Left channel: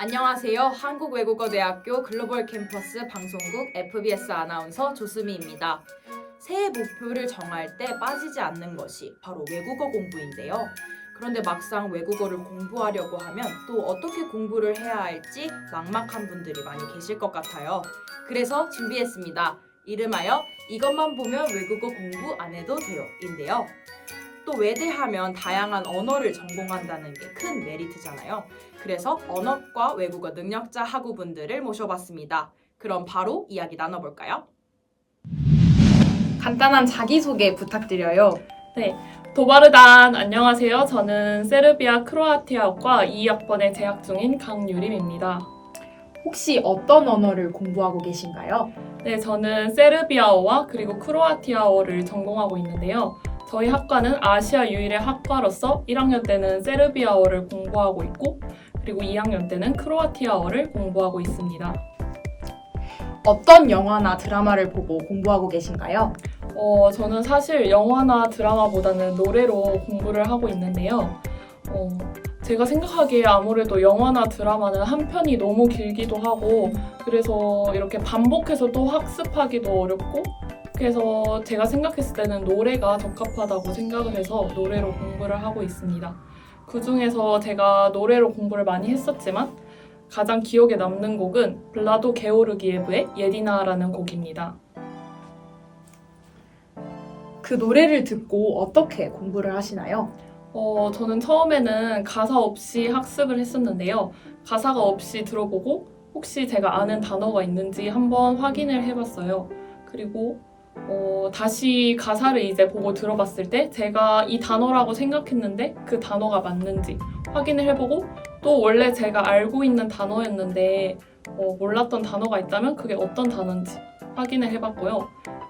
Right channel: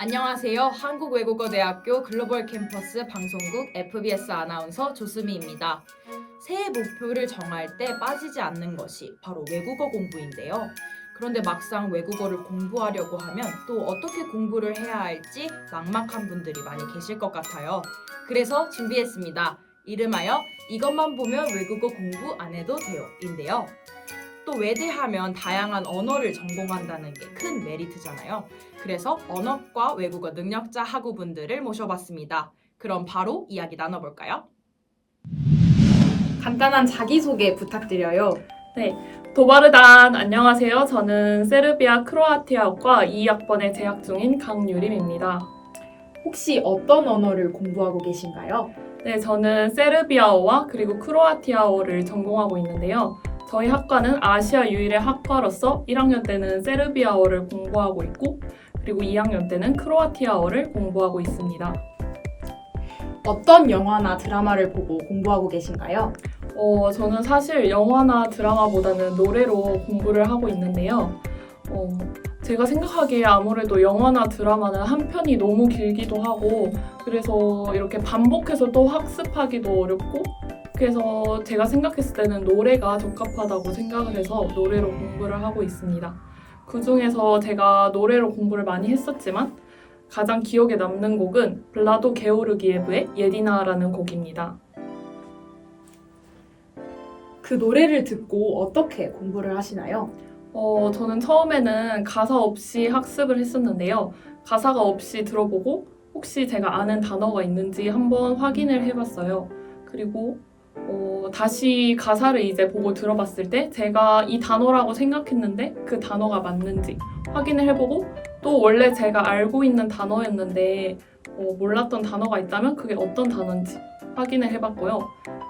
안녕하세요. 한국외국어대학교 글로벌 캠퍼스 방송국 FBS 아나운서 조수미입니다. 새해 목표를 정할 때 빠지지 않는 것이 바로 외국어 공부인데요. 그런데 막상 외국어를 공부하려고 하면 또 어떻게 공부를 해야 할지 막막한 분들이 많이 계실 것 같아요. 그래서 준비했습니다. 이름하여 이것만 보면 외국어 공부 안 해도 돼요 인데요. 또 외대하면 다양한 언어를 전공한다는 게 큰 메리트잖아요. 그래서 언어과 외국어 능력자 학우분들을 모셔봤습니다. 그럼 바로 이야기 나눠볼까요? 간단한 자기소개 부탁드려요. 네, 도바르단 안녕하세요. 저는 세르비아 크로아티아어과 2학번에 재학 중인 강유림입니다. 혹시 어떤 언어를 공부하고 계신가요? 네, 저는 세르비아어와 그리고 크로아티아어를 전공하고 있는데요. 저희 학과는 아시아 유일의 학과로서 1학년 때는 세르비아어를 공부하고 있고 그리고 2학년 때는 크로아티아어를 공부하고 있습니다. 어떤 영화나 드라마를 보고 공부하고 계신가요? 저는 사실 영화나 드라마보다는 노래로 공부를 하고 있는데요. 제가 생각하기에 아무래도 영화나 드라마는 한 편이 너무 길기도 하고 그래서 이렇게 반복해서 또 학습하기도 어렵고 그래서 제가 생각했을 때는 노래가 적합하다고 생각을 해서 노래로 공부를 하고 있습니다. 그중에서 제가 노래로 공부를 많이 했었지만 가장 기억에 남는 곡은 블라도 게오르기예브의 예디나라는 곡입니다. 그 노래를 듣고 어떻게 공부를 하시나요? 저는 처음에는 가사 없이 학습을 했었는데요. 가사가 없이 들어보고 혹시 제가 아는 단어가 있는지 한번 확인을 해봤어요. 그리고 다시 가사를 이제 보고 들어봤을 때 제가 이 단어라고 생각했는데 그 단어가 맞는지 확인을 해보고 또 원래 제가 알고 있는 단어였는데 몰랐던 단어가 있다면 그게 어떤 단어인지 확인을 해봤고요.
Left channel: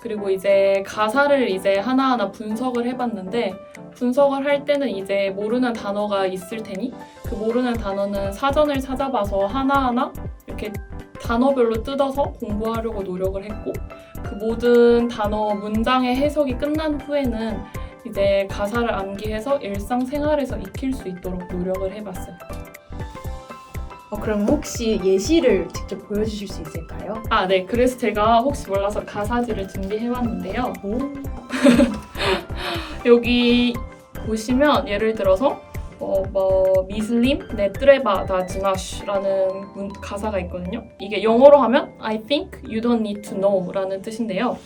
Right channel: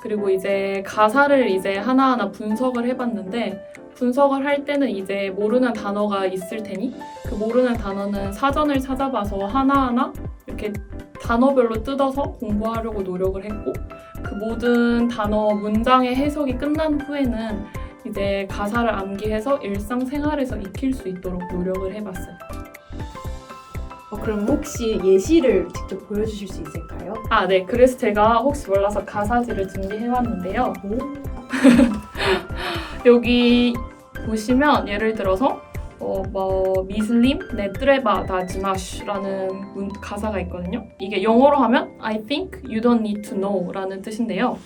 그리고 이제 가사를 이제 하나하나 분석을 해봤는데 분석을 할 때는 이제 모르는 단어가 있을 테니 그 모르는 단어는 사전을 찾아봐서 하나하나 이렇게 단어별로 뜯어서 공부하려고 노력을 했고 그 모든 단어 문장의 해석이 끝난 후에는 이제 가사를 암기해서 일상생활에서 익힐 수 있도록 노력을 해봤어요. 그럼 혹시 예시를 직접 보여주실 수 있을까요? 네. 그래서 제가 혹시 몰라서 가사지를 준비해왔는데요. 여기 보시면 예를 들어서 미슬림 네트레바 다지마시라는 가사가 있거든요. 이게 영어로 하면 I think you don't need to know 라는 뜻인데요.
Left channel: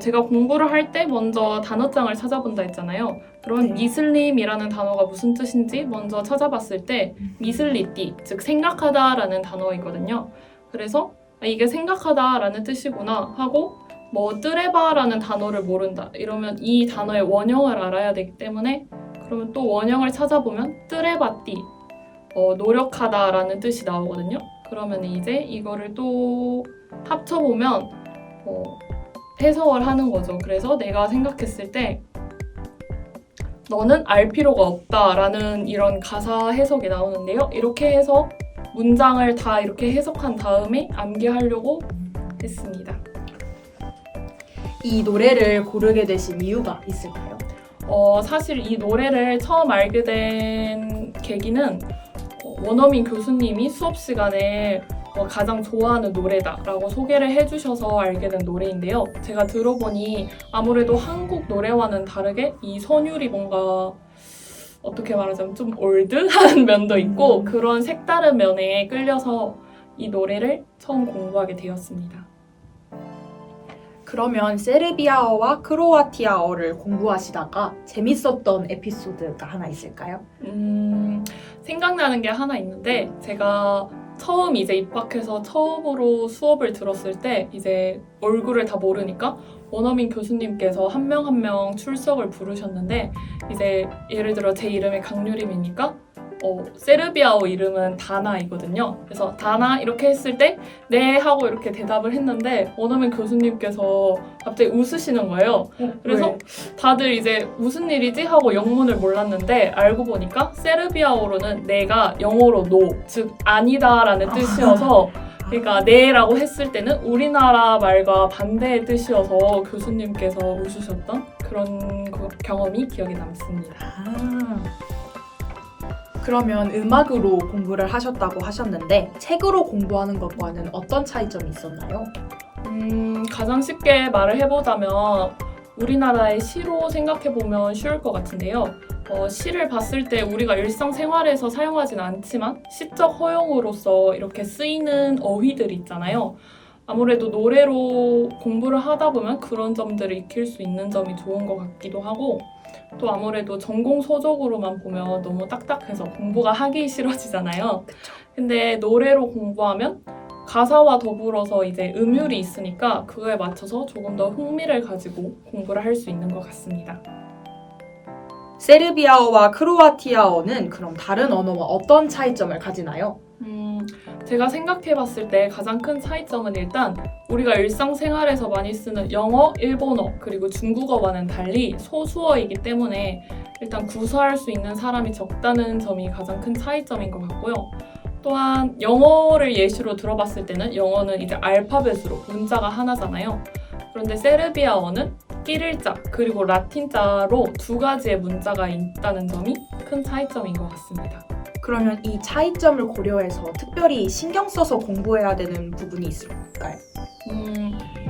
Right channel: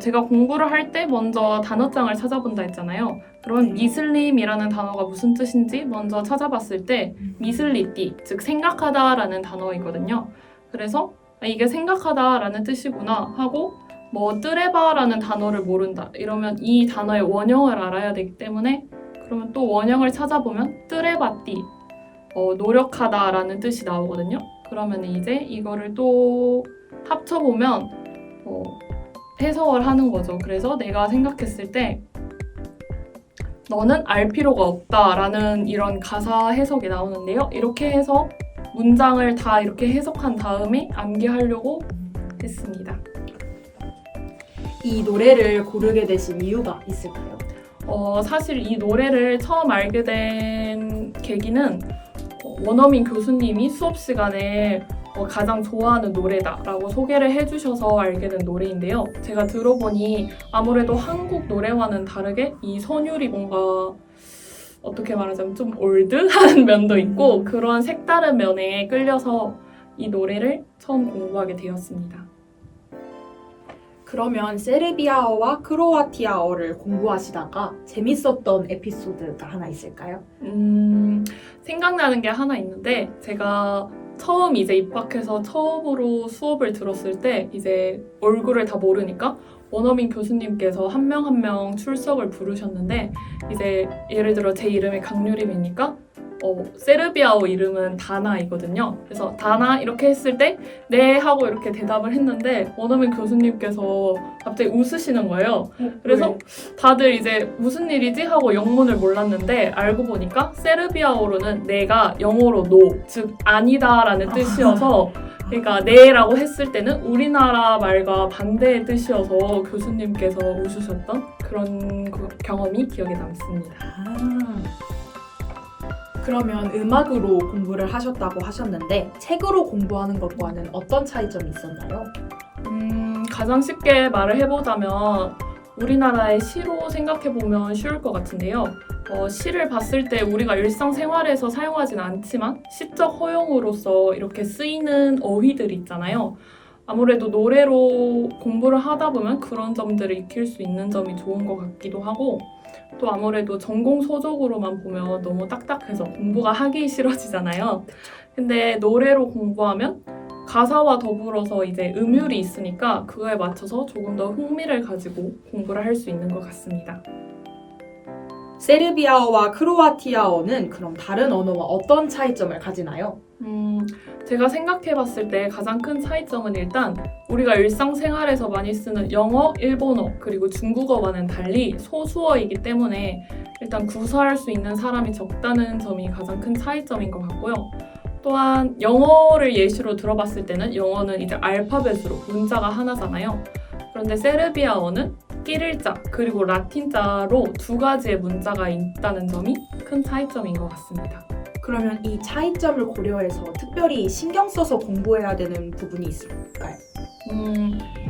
제가 공부를 할 때 먼저 단어장을 찾아본다 했잖아요. 그럼 미슬림이라는 단어가 무슨 뜻인지 먼저 찾아봤을 때 미슬리띠, 즉 생각하다라는 단어이거든요. 그래서 이게 생각하다라는 뜻이구나 하고 뜨레바라는 단어를 모른다. 이러면 이 단어의 원형을 알아야 되기 때문에 그러면 또 원형을 찾아보면 뜨레바띠, 노력하다라는 뜻이 나오거든요. 그러면 이제 이거를 또 합쳐보면 해석을 하는 거죠. 그래서 내가 생각했을 때 너는 알 필요가 없다라는 이런 가사 해석이 나오는데요. 이렇게 해서 문장을 다 이렇게 해석한 다음에 암기하려고 했습니다. 이 노래를 고르게 되신 이유가 있을까요? 사실 이 노래를 처음 알게 된 계기는 원어민 교수님이 수업 시간에 가장 좋아하는 노래다라고 소개를 해주셔서 알게 된 노래인데요. 제가 들어보니 아무래도 한국 노래와는 다르게 이 선율이 뭔가 어떻게 말하자면 좀 올드한 면도 있고 그런 색다른 면에 끌려서 이 노래를 처음 공부하게 되었습니다. 그러면 세르비아어와 크로아티아어를 공부하시다가 재밌었던 에피소드가 하나 있을까요? 생각나는 게 하나 있는데 제가 처음 이제 입학해서 처음으로 수업을 들었을 때 이제 얼굴을 다 모르니까 원어민 교수님께서 한 명 한 명 출석을 부르셨는데 이제 예를 들어 제 이름이 강유림이니까 세르비아어 이름은 다나이거든요. 그래서 다나 이렇게 했을 때 네 하고 이렇게 대답을 했는데 원어민 교수님께서 갑자기 웃으시는 거예요. 그래서 왜? 다들 이제 무슨 일이지 하고 영문을 몰랐는데 알고 보니까 세르비아어로는 내가 영어로 no, 즉 아니다라는 뜻이어서 그러니까 네라고 했을 때는 우리나라 말과 반대의 뜻이어서 교수님께서 웃으셨던 그런 경험이 기억에 남습니다. 그러면 음악으로 공부를 하셨다고 하셨는데 책으로 공부하는 것과는 어떤 차이점이 있었나요? 가장 쉽게 말을 해보자면 우리나라의 시로 생각해보면 쉬울 것 같은데요. 시를 봤을 때 우리가 일상생활에서 사용하진 않지만 시적 허용으로서 이렇게 쓰이는 어휘들이 있잖아요. 아무래도 노래로 공부를 하다 보면 그런 점들을 익힐 수 있는 점이 좋은 것 같기도 하고 또 아무래도 전공 서적으로만 보면 너무 딱딱해서 공부가 하기 싫어지잖아요. 근데 노래로 공부하면 가사와 더불어서 이제 음율이 있으니까 그거에 맞춰서 조금 더 흥미를 가지고 공부를 할 수 있는 것 같습니다. 세르비아어와 크로아티아어는 그럼 다른 언어와 어떤 차이점을 가지나요? 제가 생각해봤을 때 가장 큰 차이점은 일단 우리가 일상생활에서 많이 쓰는 영어, 일본어, 그리고 중국어와는 달리 소수어이기 때문에 일단 구사할 수 있는 사람이 적다는 점이 가장 큰 차이점인 것 같고요. 또한 영어를 예시로 들어봤을 때는 영어는 이제 알파벳으로 문자가 하나잖아요. 그런데 세르비아어는 끼릴자 그리고 라틴자로 두 가지의 문자가 있다는 점이 큰 차이점인 것 같습니다. 그러면 이 차이점을 고려해서 특별히 신경 써서 공부해야 되는 부분이 있을까요?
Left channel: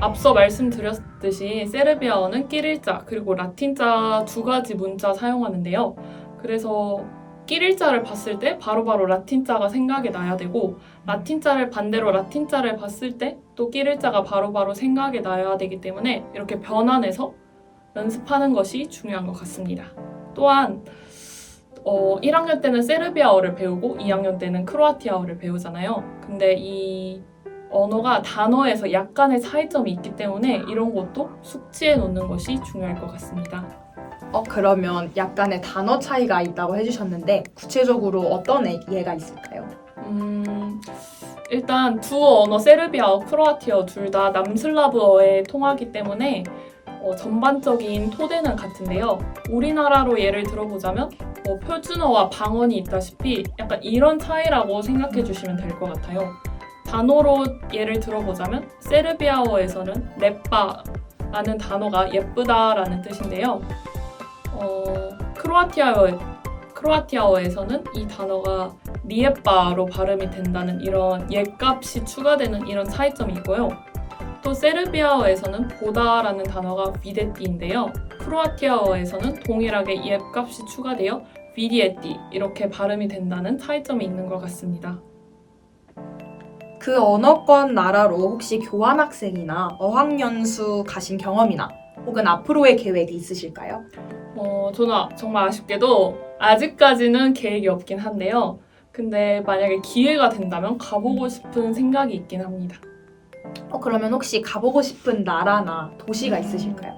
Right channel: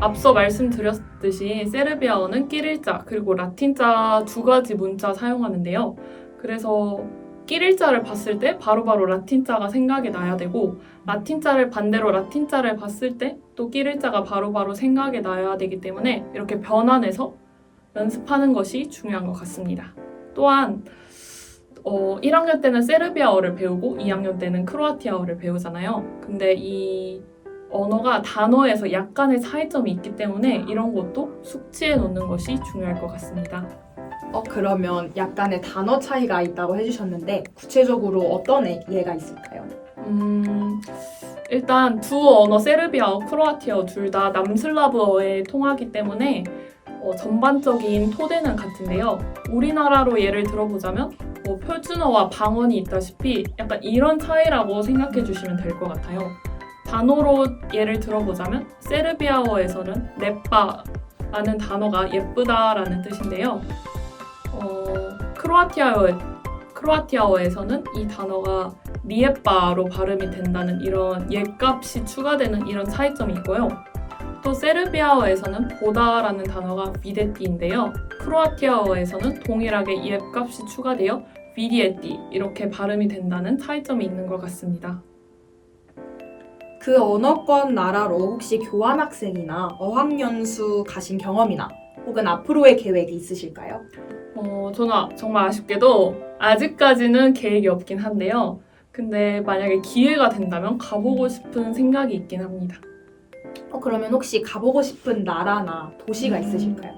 앞서 말씀드렸듯이 세르비아어는 끼릴자 그리고 라틴자 두 가지 문자 사용하는데요. 그래서 끼릴자를 봤을 때 바로바로 라틴자가 생각이 나야 되고 라틴자를 반대로 라틴자를 봤을 때 또 끼릴자가 바로바로 생각이 나야 되기 때문에 이렇게 변환해서 연습하는 것이 중요한 것 같습니다. 또한 1학년 때는 세르비아어를 배우고 2학년 때는 크로아티아어를 배우잖아요. 근데 이 언어가 단어에서 약간의 차이점이 있기 때문에 이런 것도 숙지해 놓는 것이 중요할 것 같습니다. 그러면 약간의 단어 차이가 있다고 해주셨는데 구체적으로 어떤 예가 있을까요? 일단 두 언어 세르비아어, 크로아티아어 둘 다 남슬라브어에 통하기 때문에 전반적인 토대는 같은데요. 우리나라로 예를 들어보자면 표준어와 방언이 있다시피 약간 이런 차이라고 생각해 주시면 될 것 같아요. 단어로 예를 들어보자면 세르비아어에서는 레빠라는 단어가 예쁘다라는 뜻인데요. 크로아티아어에서는 이 단어가 리에빠로 발음이 된다는 이런 옛값이 추가되는 이런 차이점이 있고요. 또 세르비아어에서는 보다라는 단어가 비데띠인데요. 크로아티아어에서는 동일하게 옛값이 추가되어 비디에띠 이렇게 발음이 된다는 차이점이 있는 것 같습니다. 그 언어권 나라로 혹시 교환학생이나 어학연수 가신 경험이나 혹은 앞으로의 계획이 있으실까요? 저는 정말 아쉽게도 아직까지는 계획이 없긴 한데요. 근데 만약에 기회가 된다면 가보고 싶은 생각이 있긴 합니다. 그러면 혹시 가보고 싶은 나라나 도시가 있으실까요?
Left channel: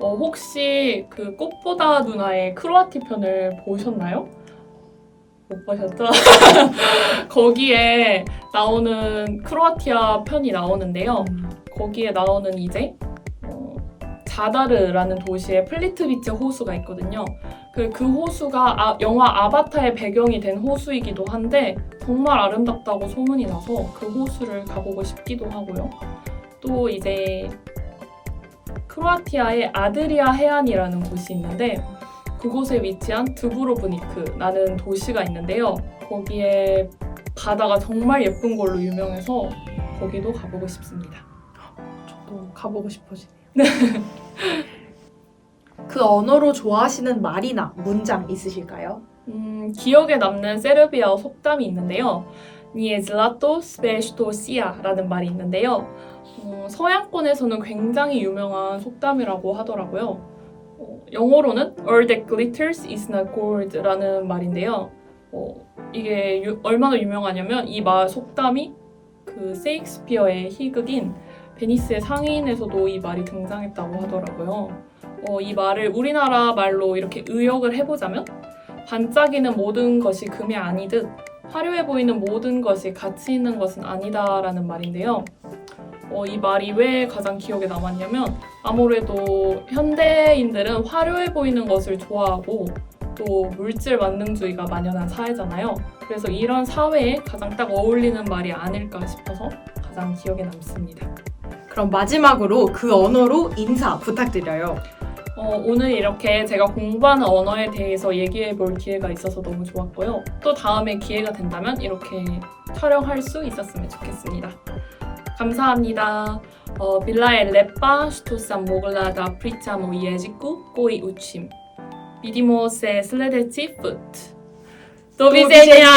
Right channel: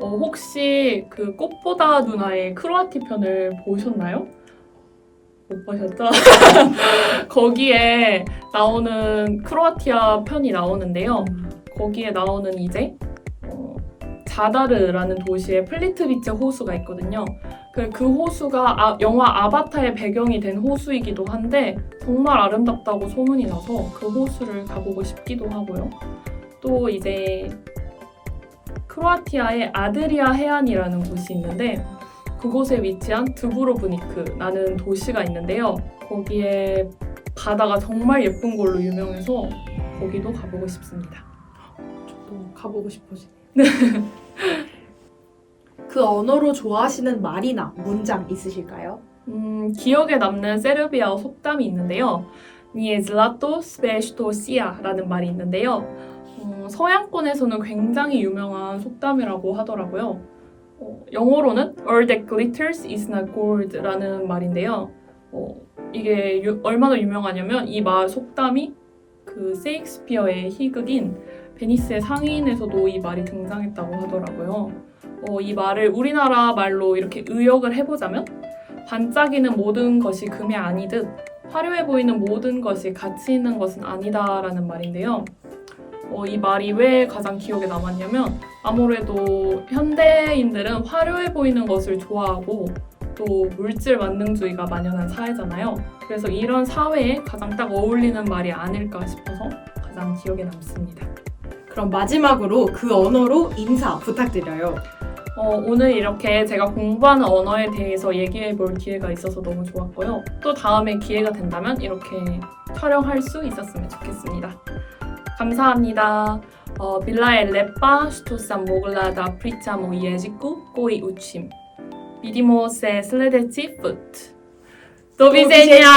혹시 그 꽃보다 누나의 크로아티 편을 보셨나요? 못 보셨죠? 거기에 나오는 크로아티아 편이 나오는데요. 거기에 나오는 이제 자다르라는 도시에 플리트비체 호수가 있거든요. 그 호수가 영화 아바타의 배경이 된 호수이기도 한데 정말 아름답다고 소문이 나서 그 호수를 가보고 싶기도 하고요. 또 이제 크로아티아의 아드리아 해안이라는 곳이 있는데 그곳에 위치한 드브로브니크라는 도시가 있는데요. 거기에 바다가 정말 예쁜 걸로 유명해서 거기도 가보고 싶습니다. 저도 가보고 싶어지네요. 그 언어로 좋아하시는 말이나 문장 있으실까요? 기억에 남는 세르비아어 속담이 있는데요. 니에즐라토 스베시토시아라는 말이 있는데요. 서양권에서는 굉장히 유명한 속담이라고 하더라고요. 영어로는 All that glitters is not gold라는 말인데요. 이게 얼마나 유명하냐면 이 말 속담이 그 세익스피어의 희극인 베니스의 상인에서도 이 말이 등장했다고 하더라고요. 이 말을 우리나라 말로 이렇게 의역을 해보자면 반짝이는 모든 것이 금이 아니듯 화려해 보이는 모든 것이 가치 있는 것은 아니다라는 말인데요. 이 말이 왜 가장 기억에 남았냐면 아무래도 현대인들은 화려해 보이는 것을 좋아하고 또 물질 만능주의가 만연한 사회잖아요. 그래서 이런 사회에 가장 딱 어울리는 말이 아닐까 싶어서 가장 기억에 남습니다. 그럼 마지막으로 그 언어로 인사 부탁드려요. 오늘 이렇게 제가 공부하는 언어에 대해서 얘기해 볼 기회가 있어서 너무 좋았고요. 또 다음에 기회가 된다면 이렇게 촬영할 수 있었으면 좋겠습니다. 감사합니다. Bila e lepa što sam mogla da pričam o jeziku koji učim. Vidimo se sljedeći put. Do widzenia!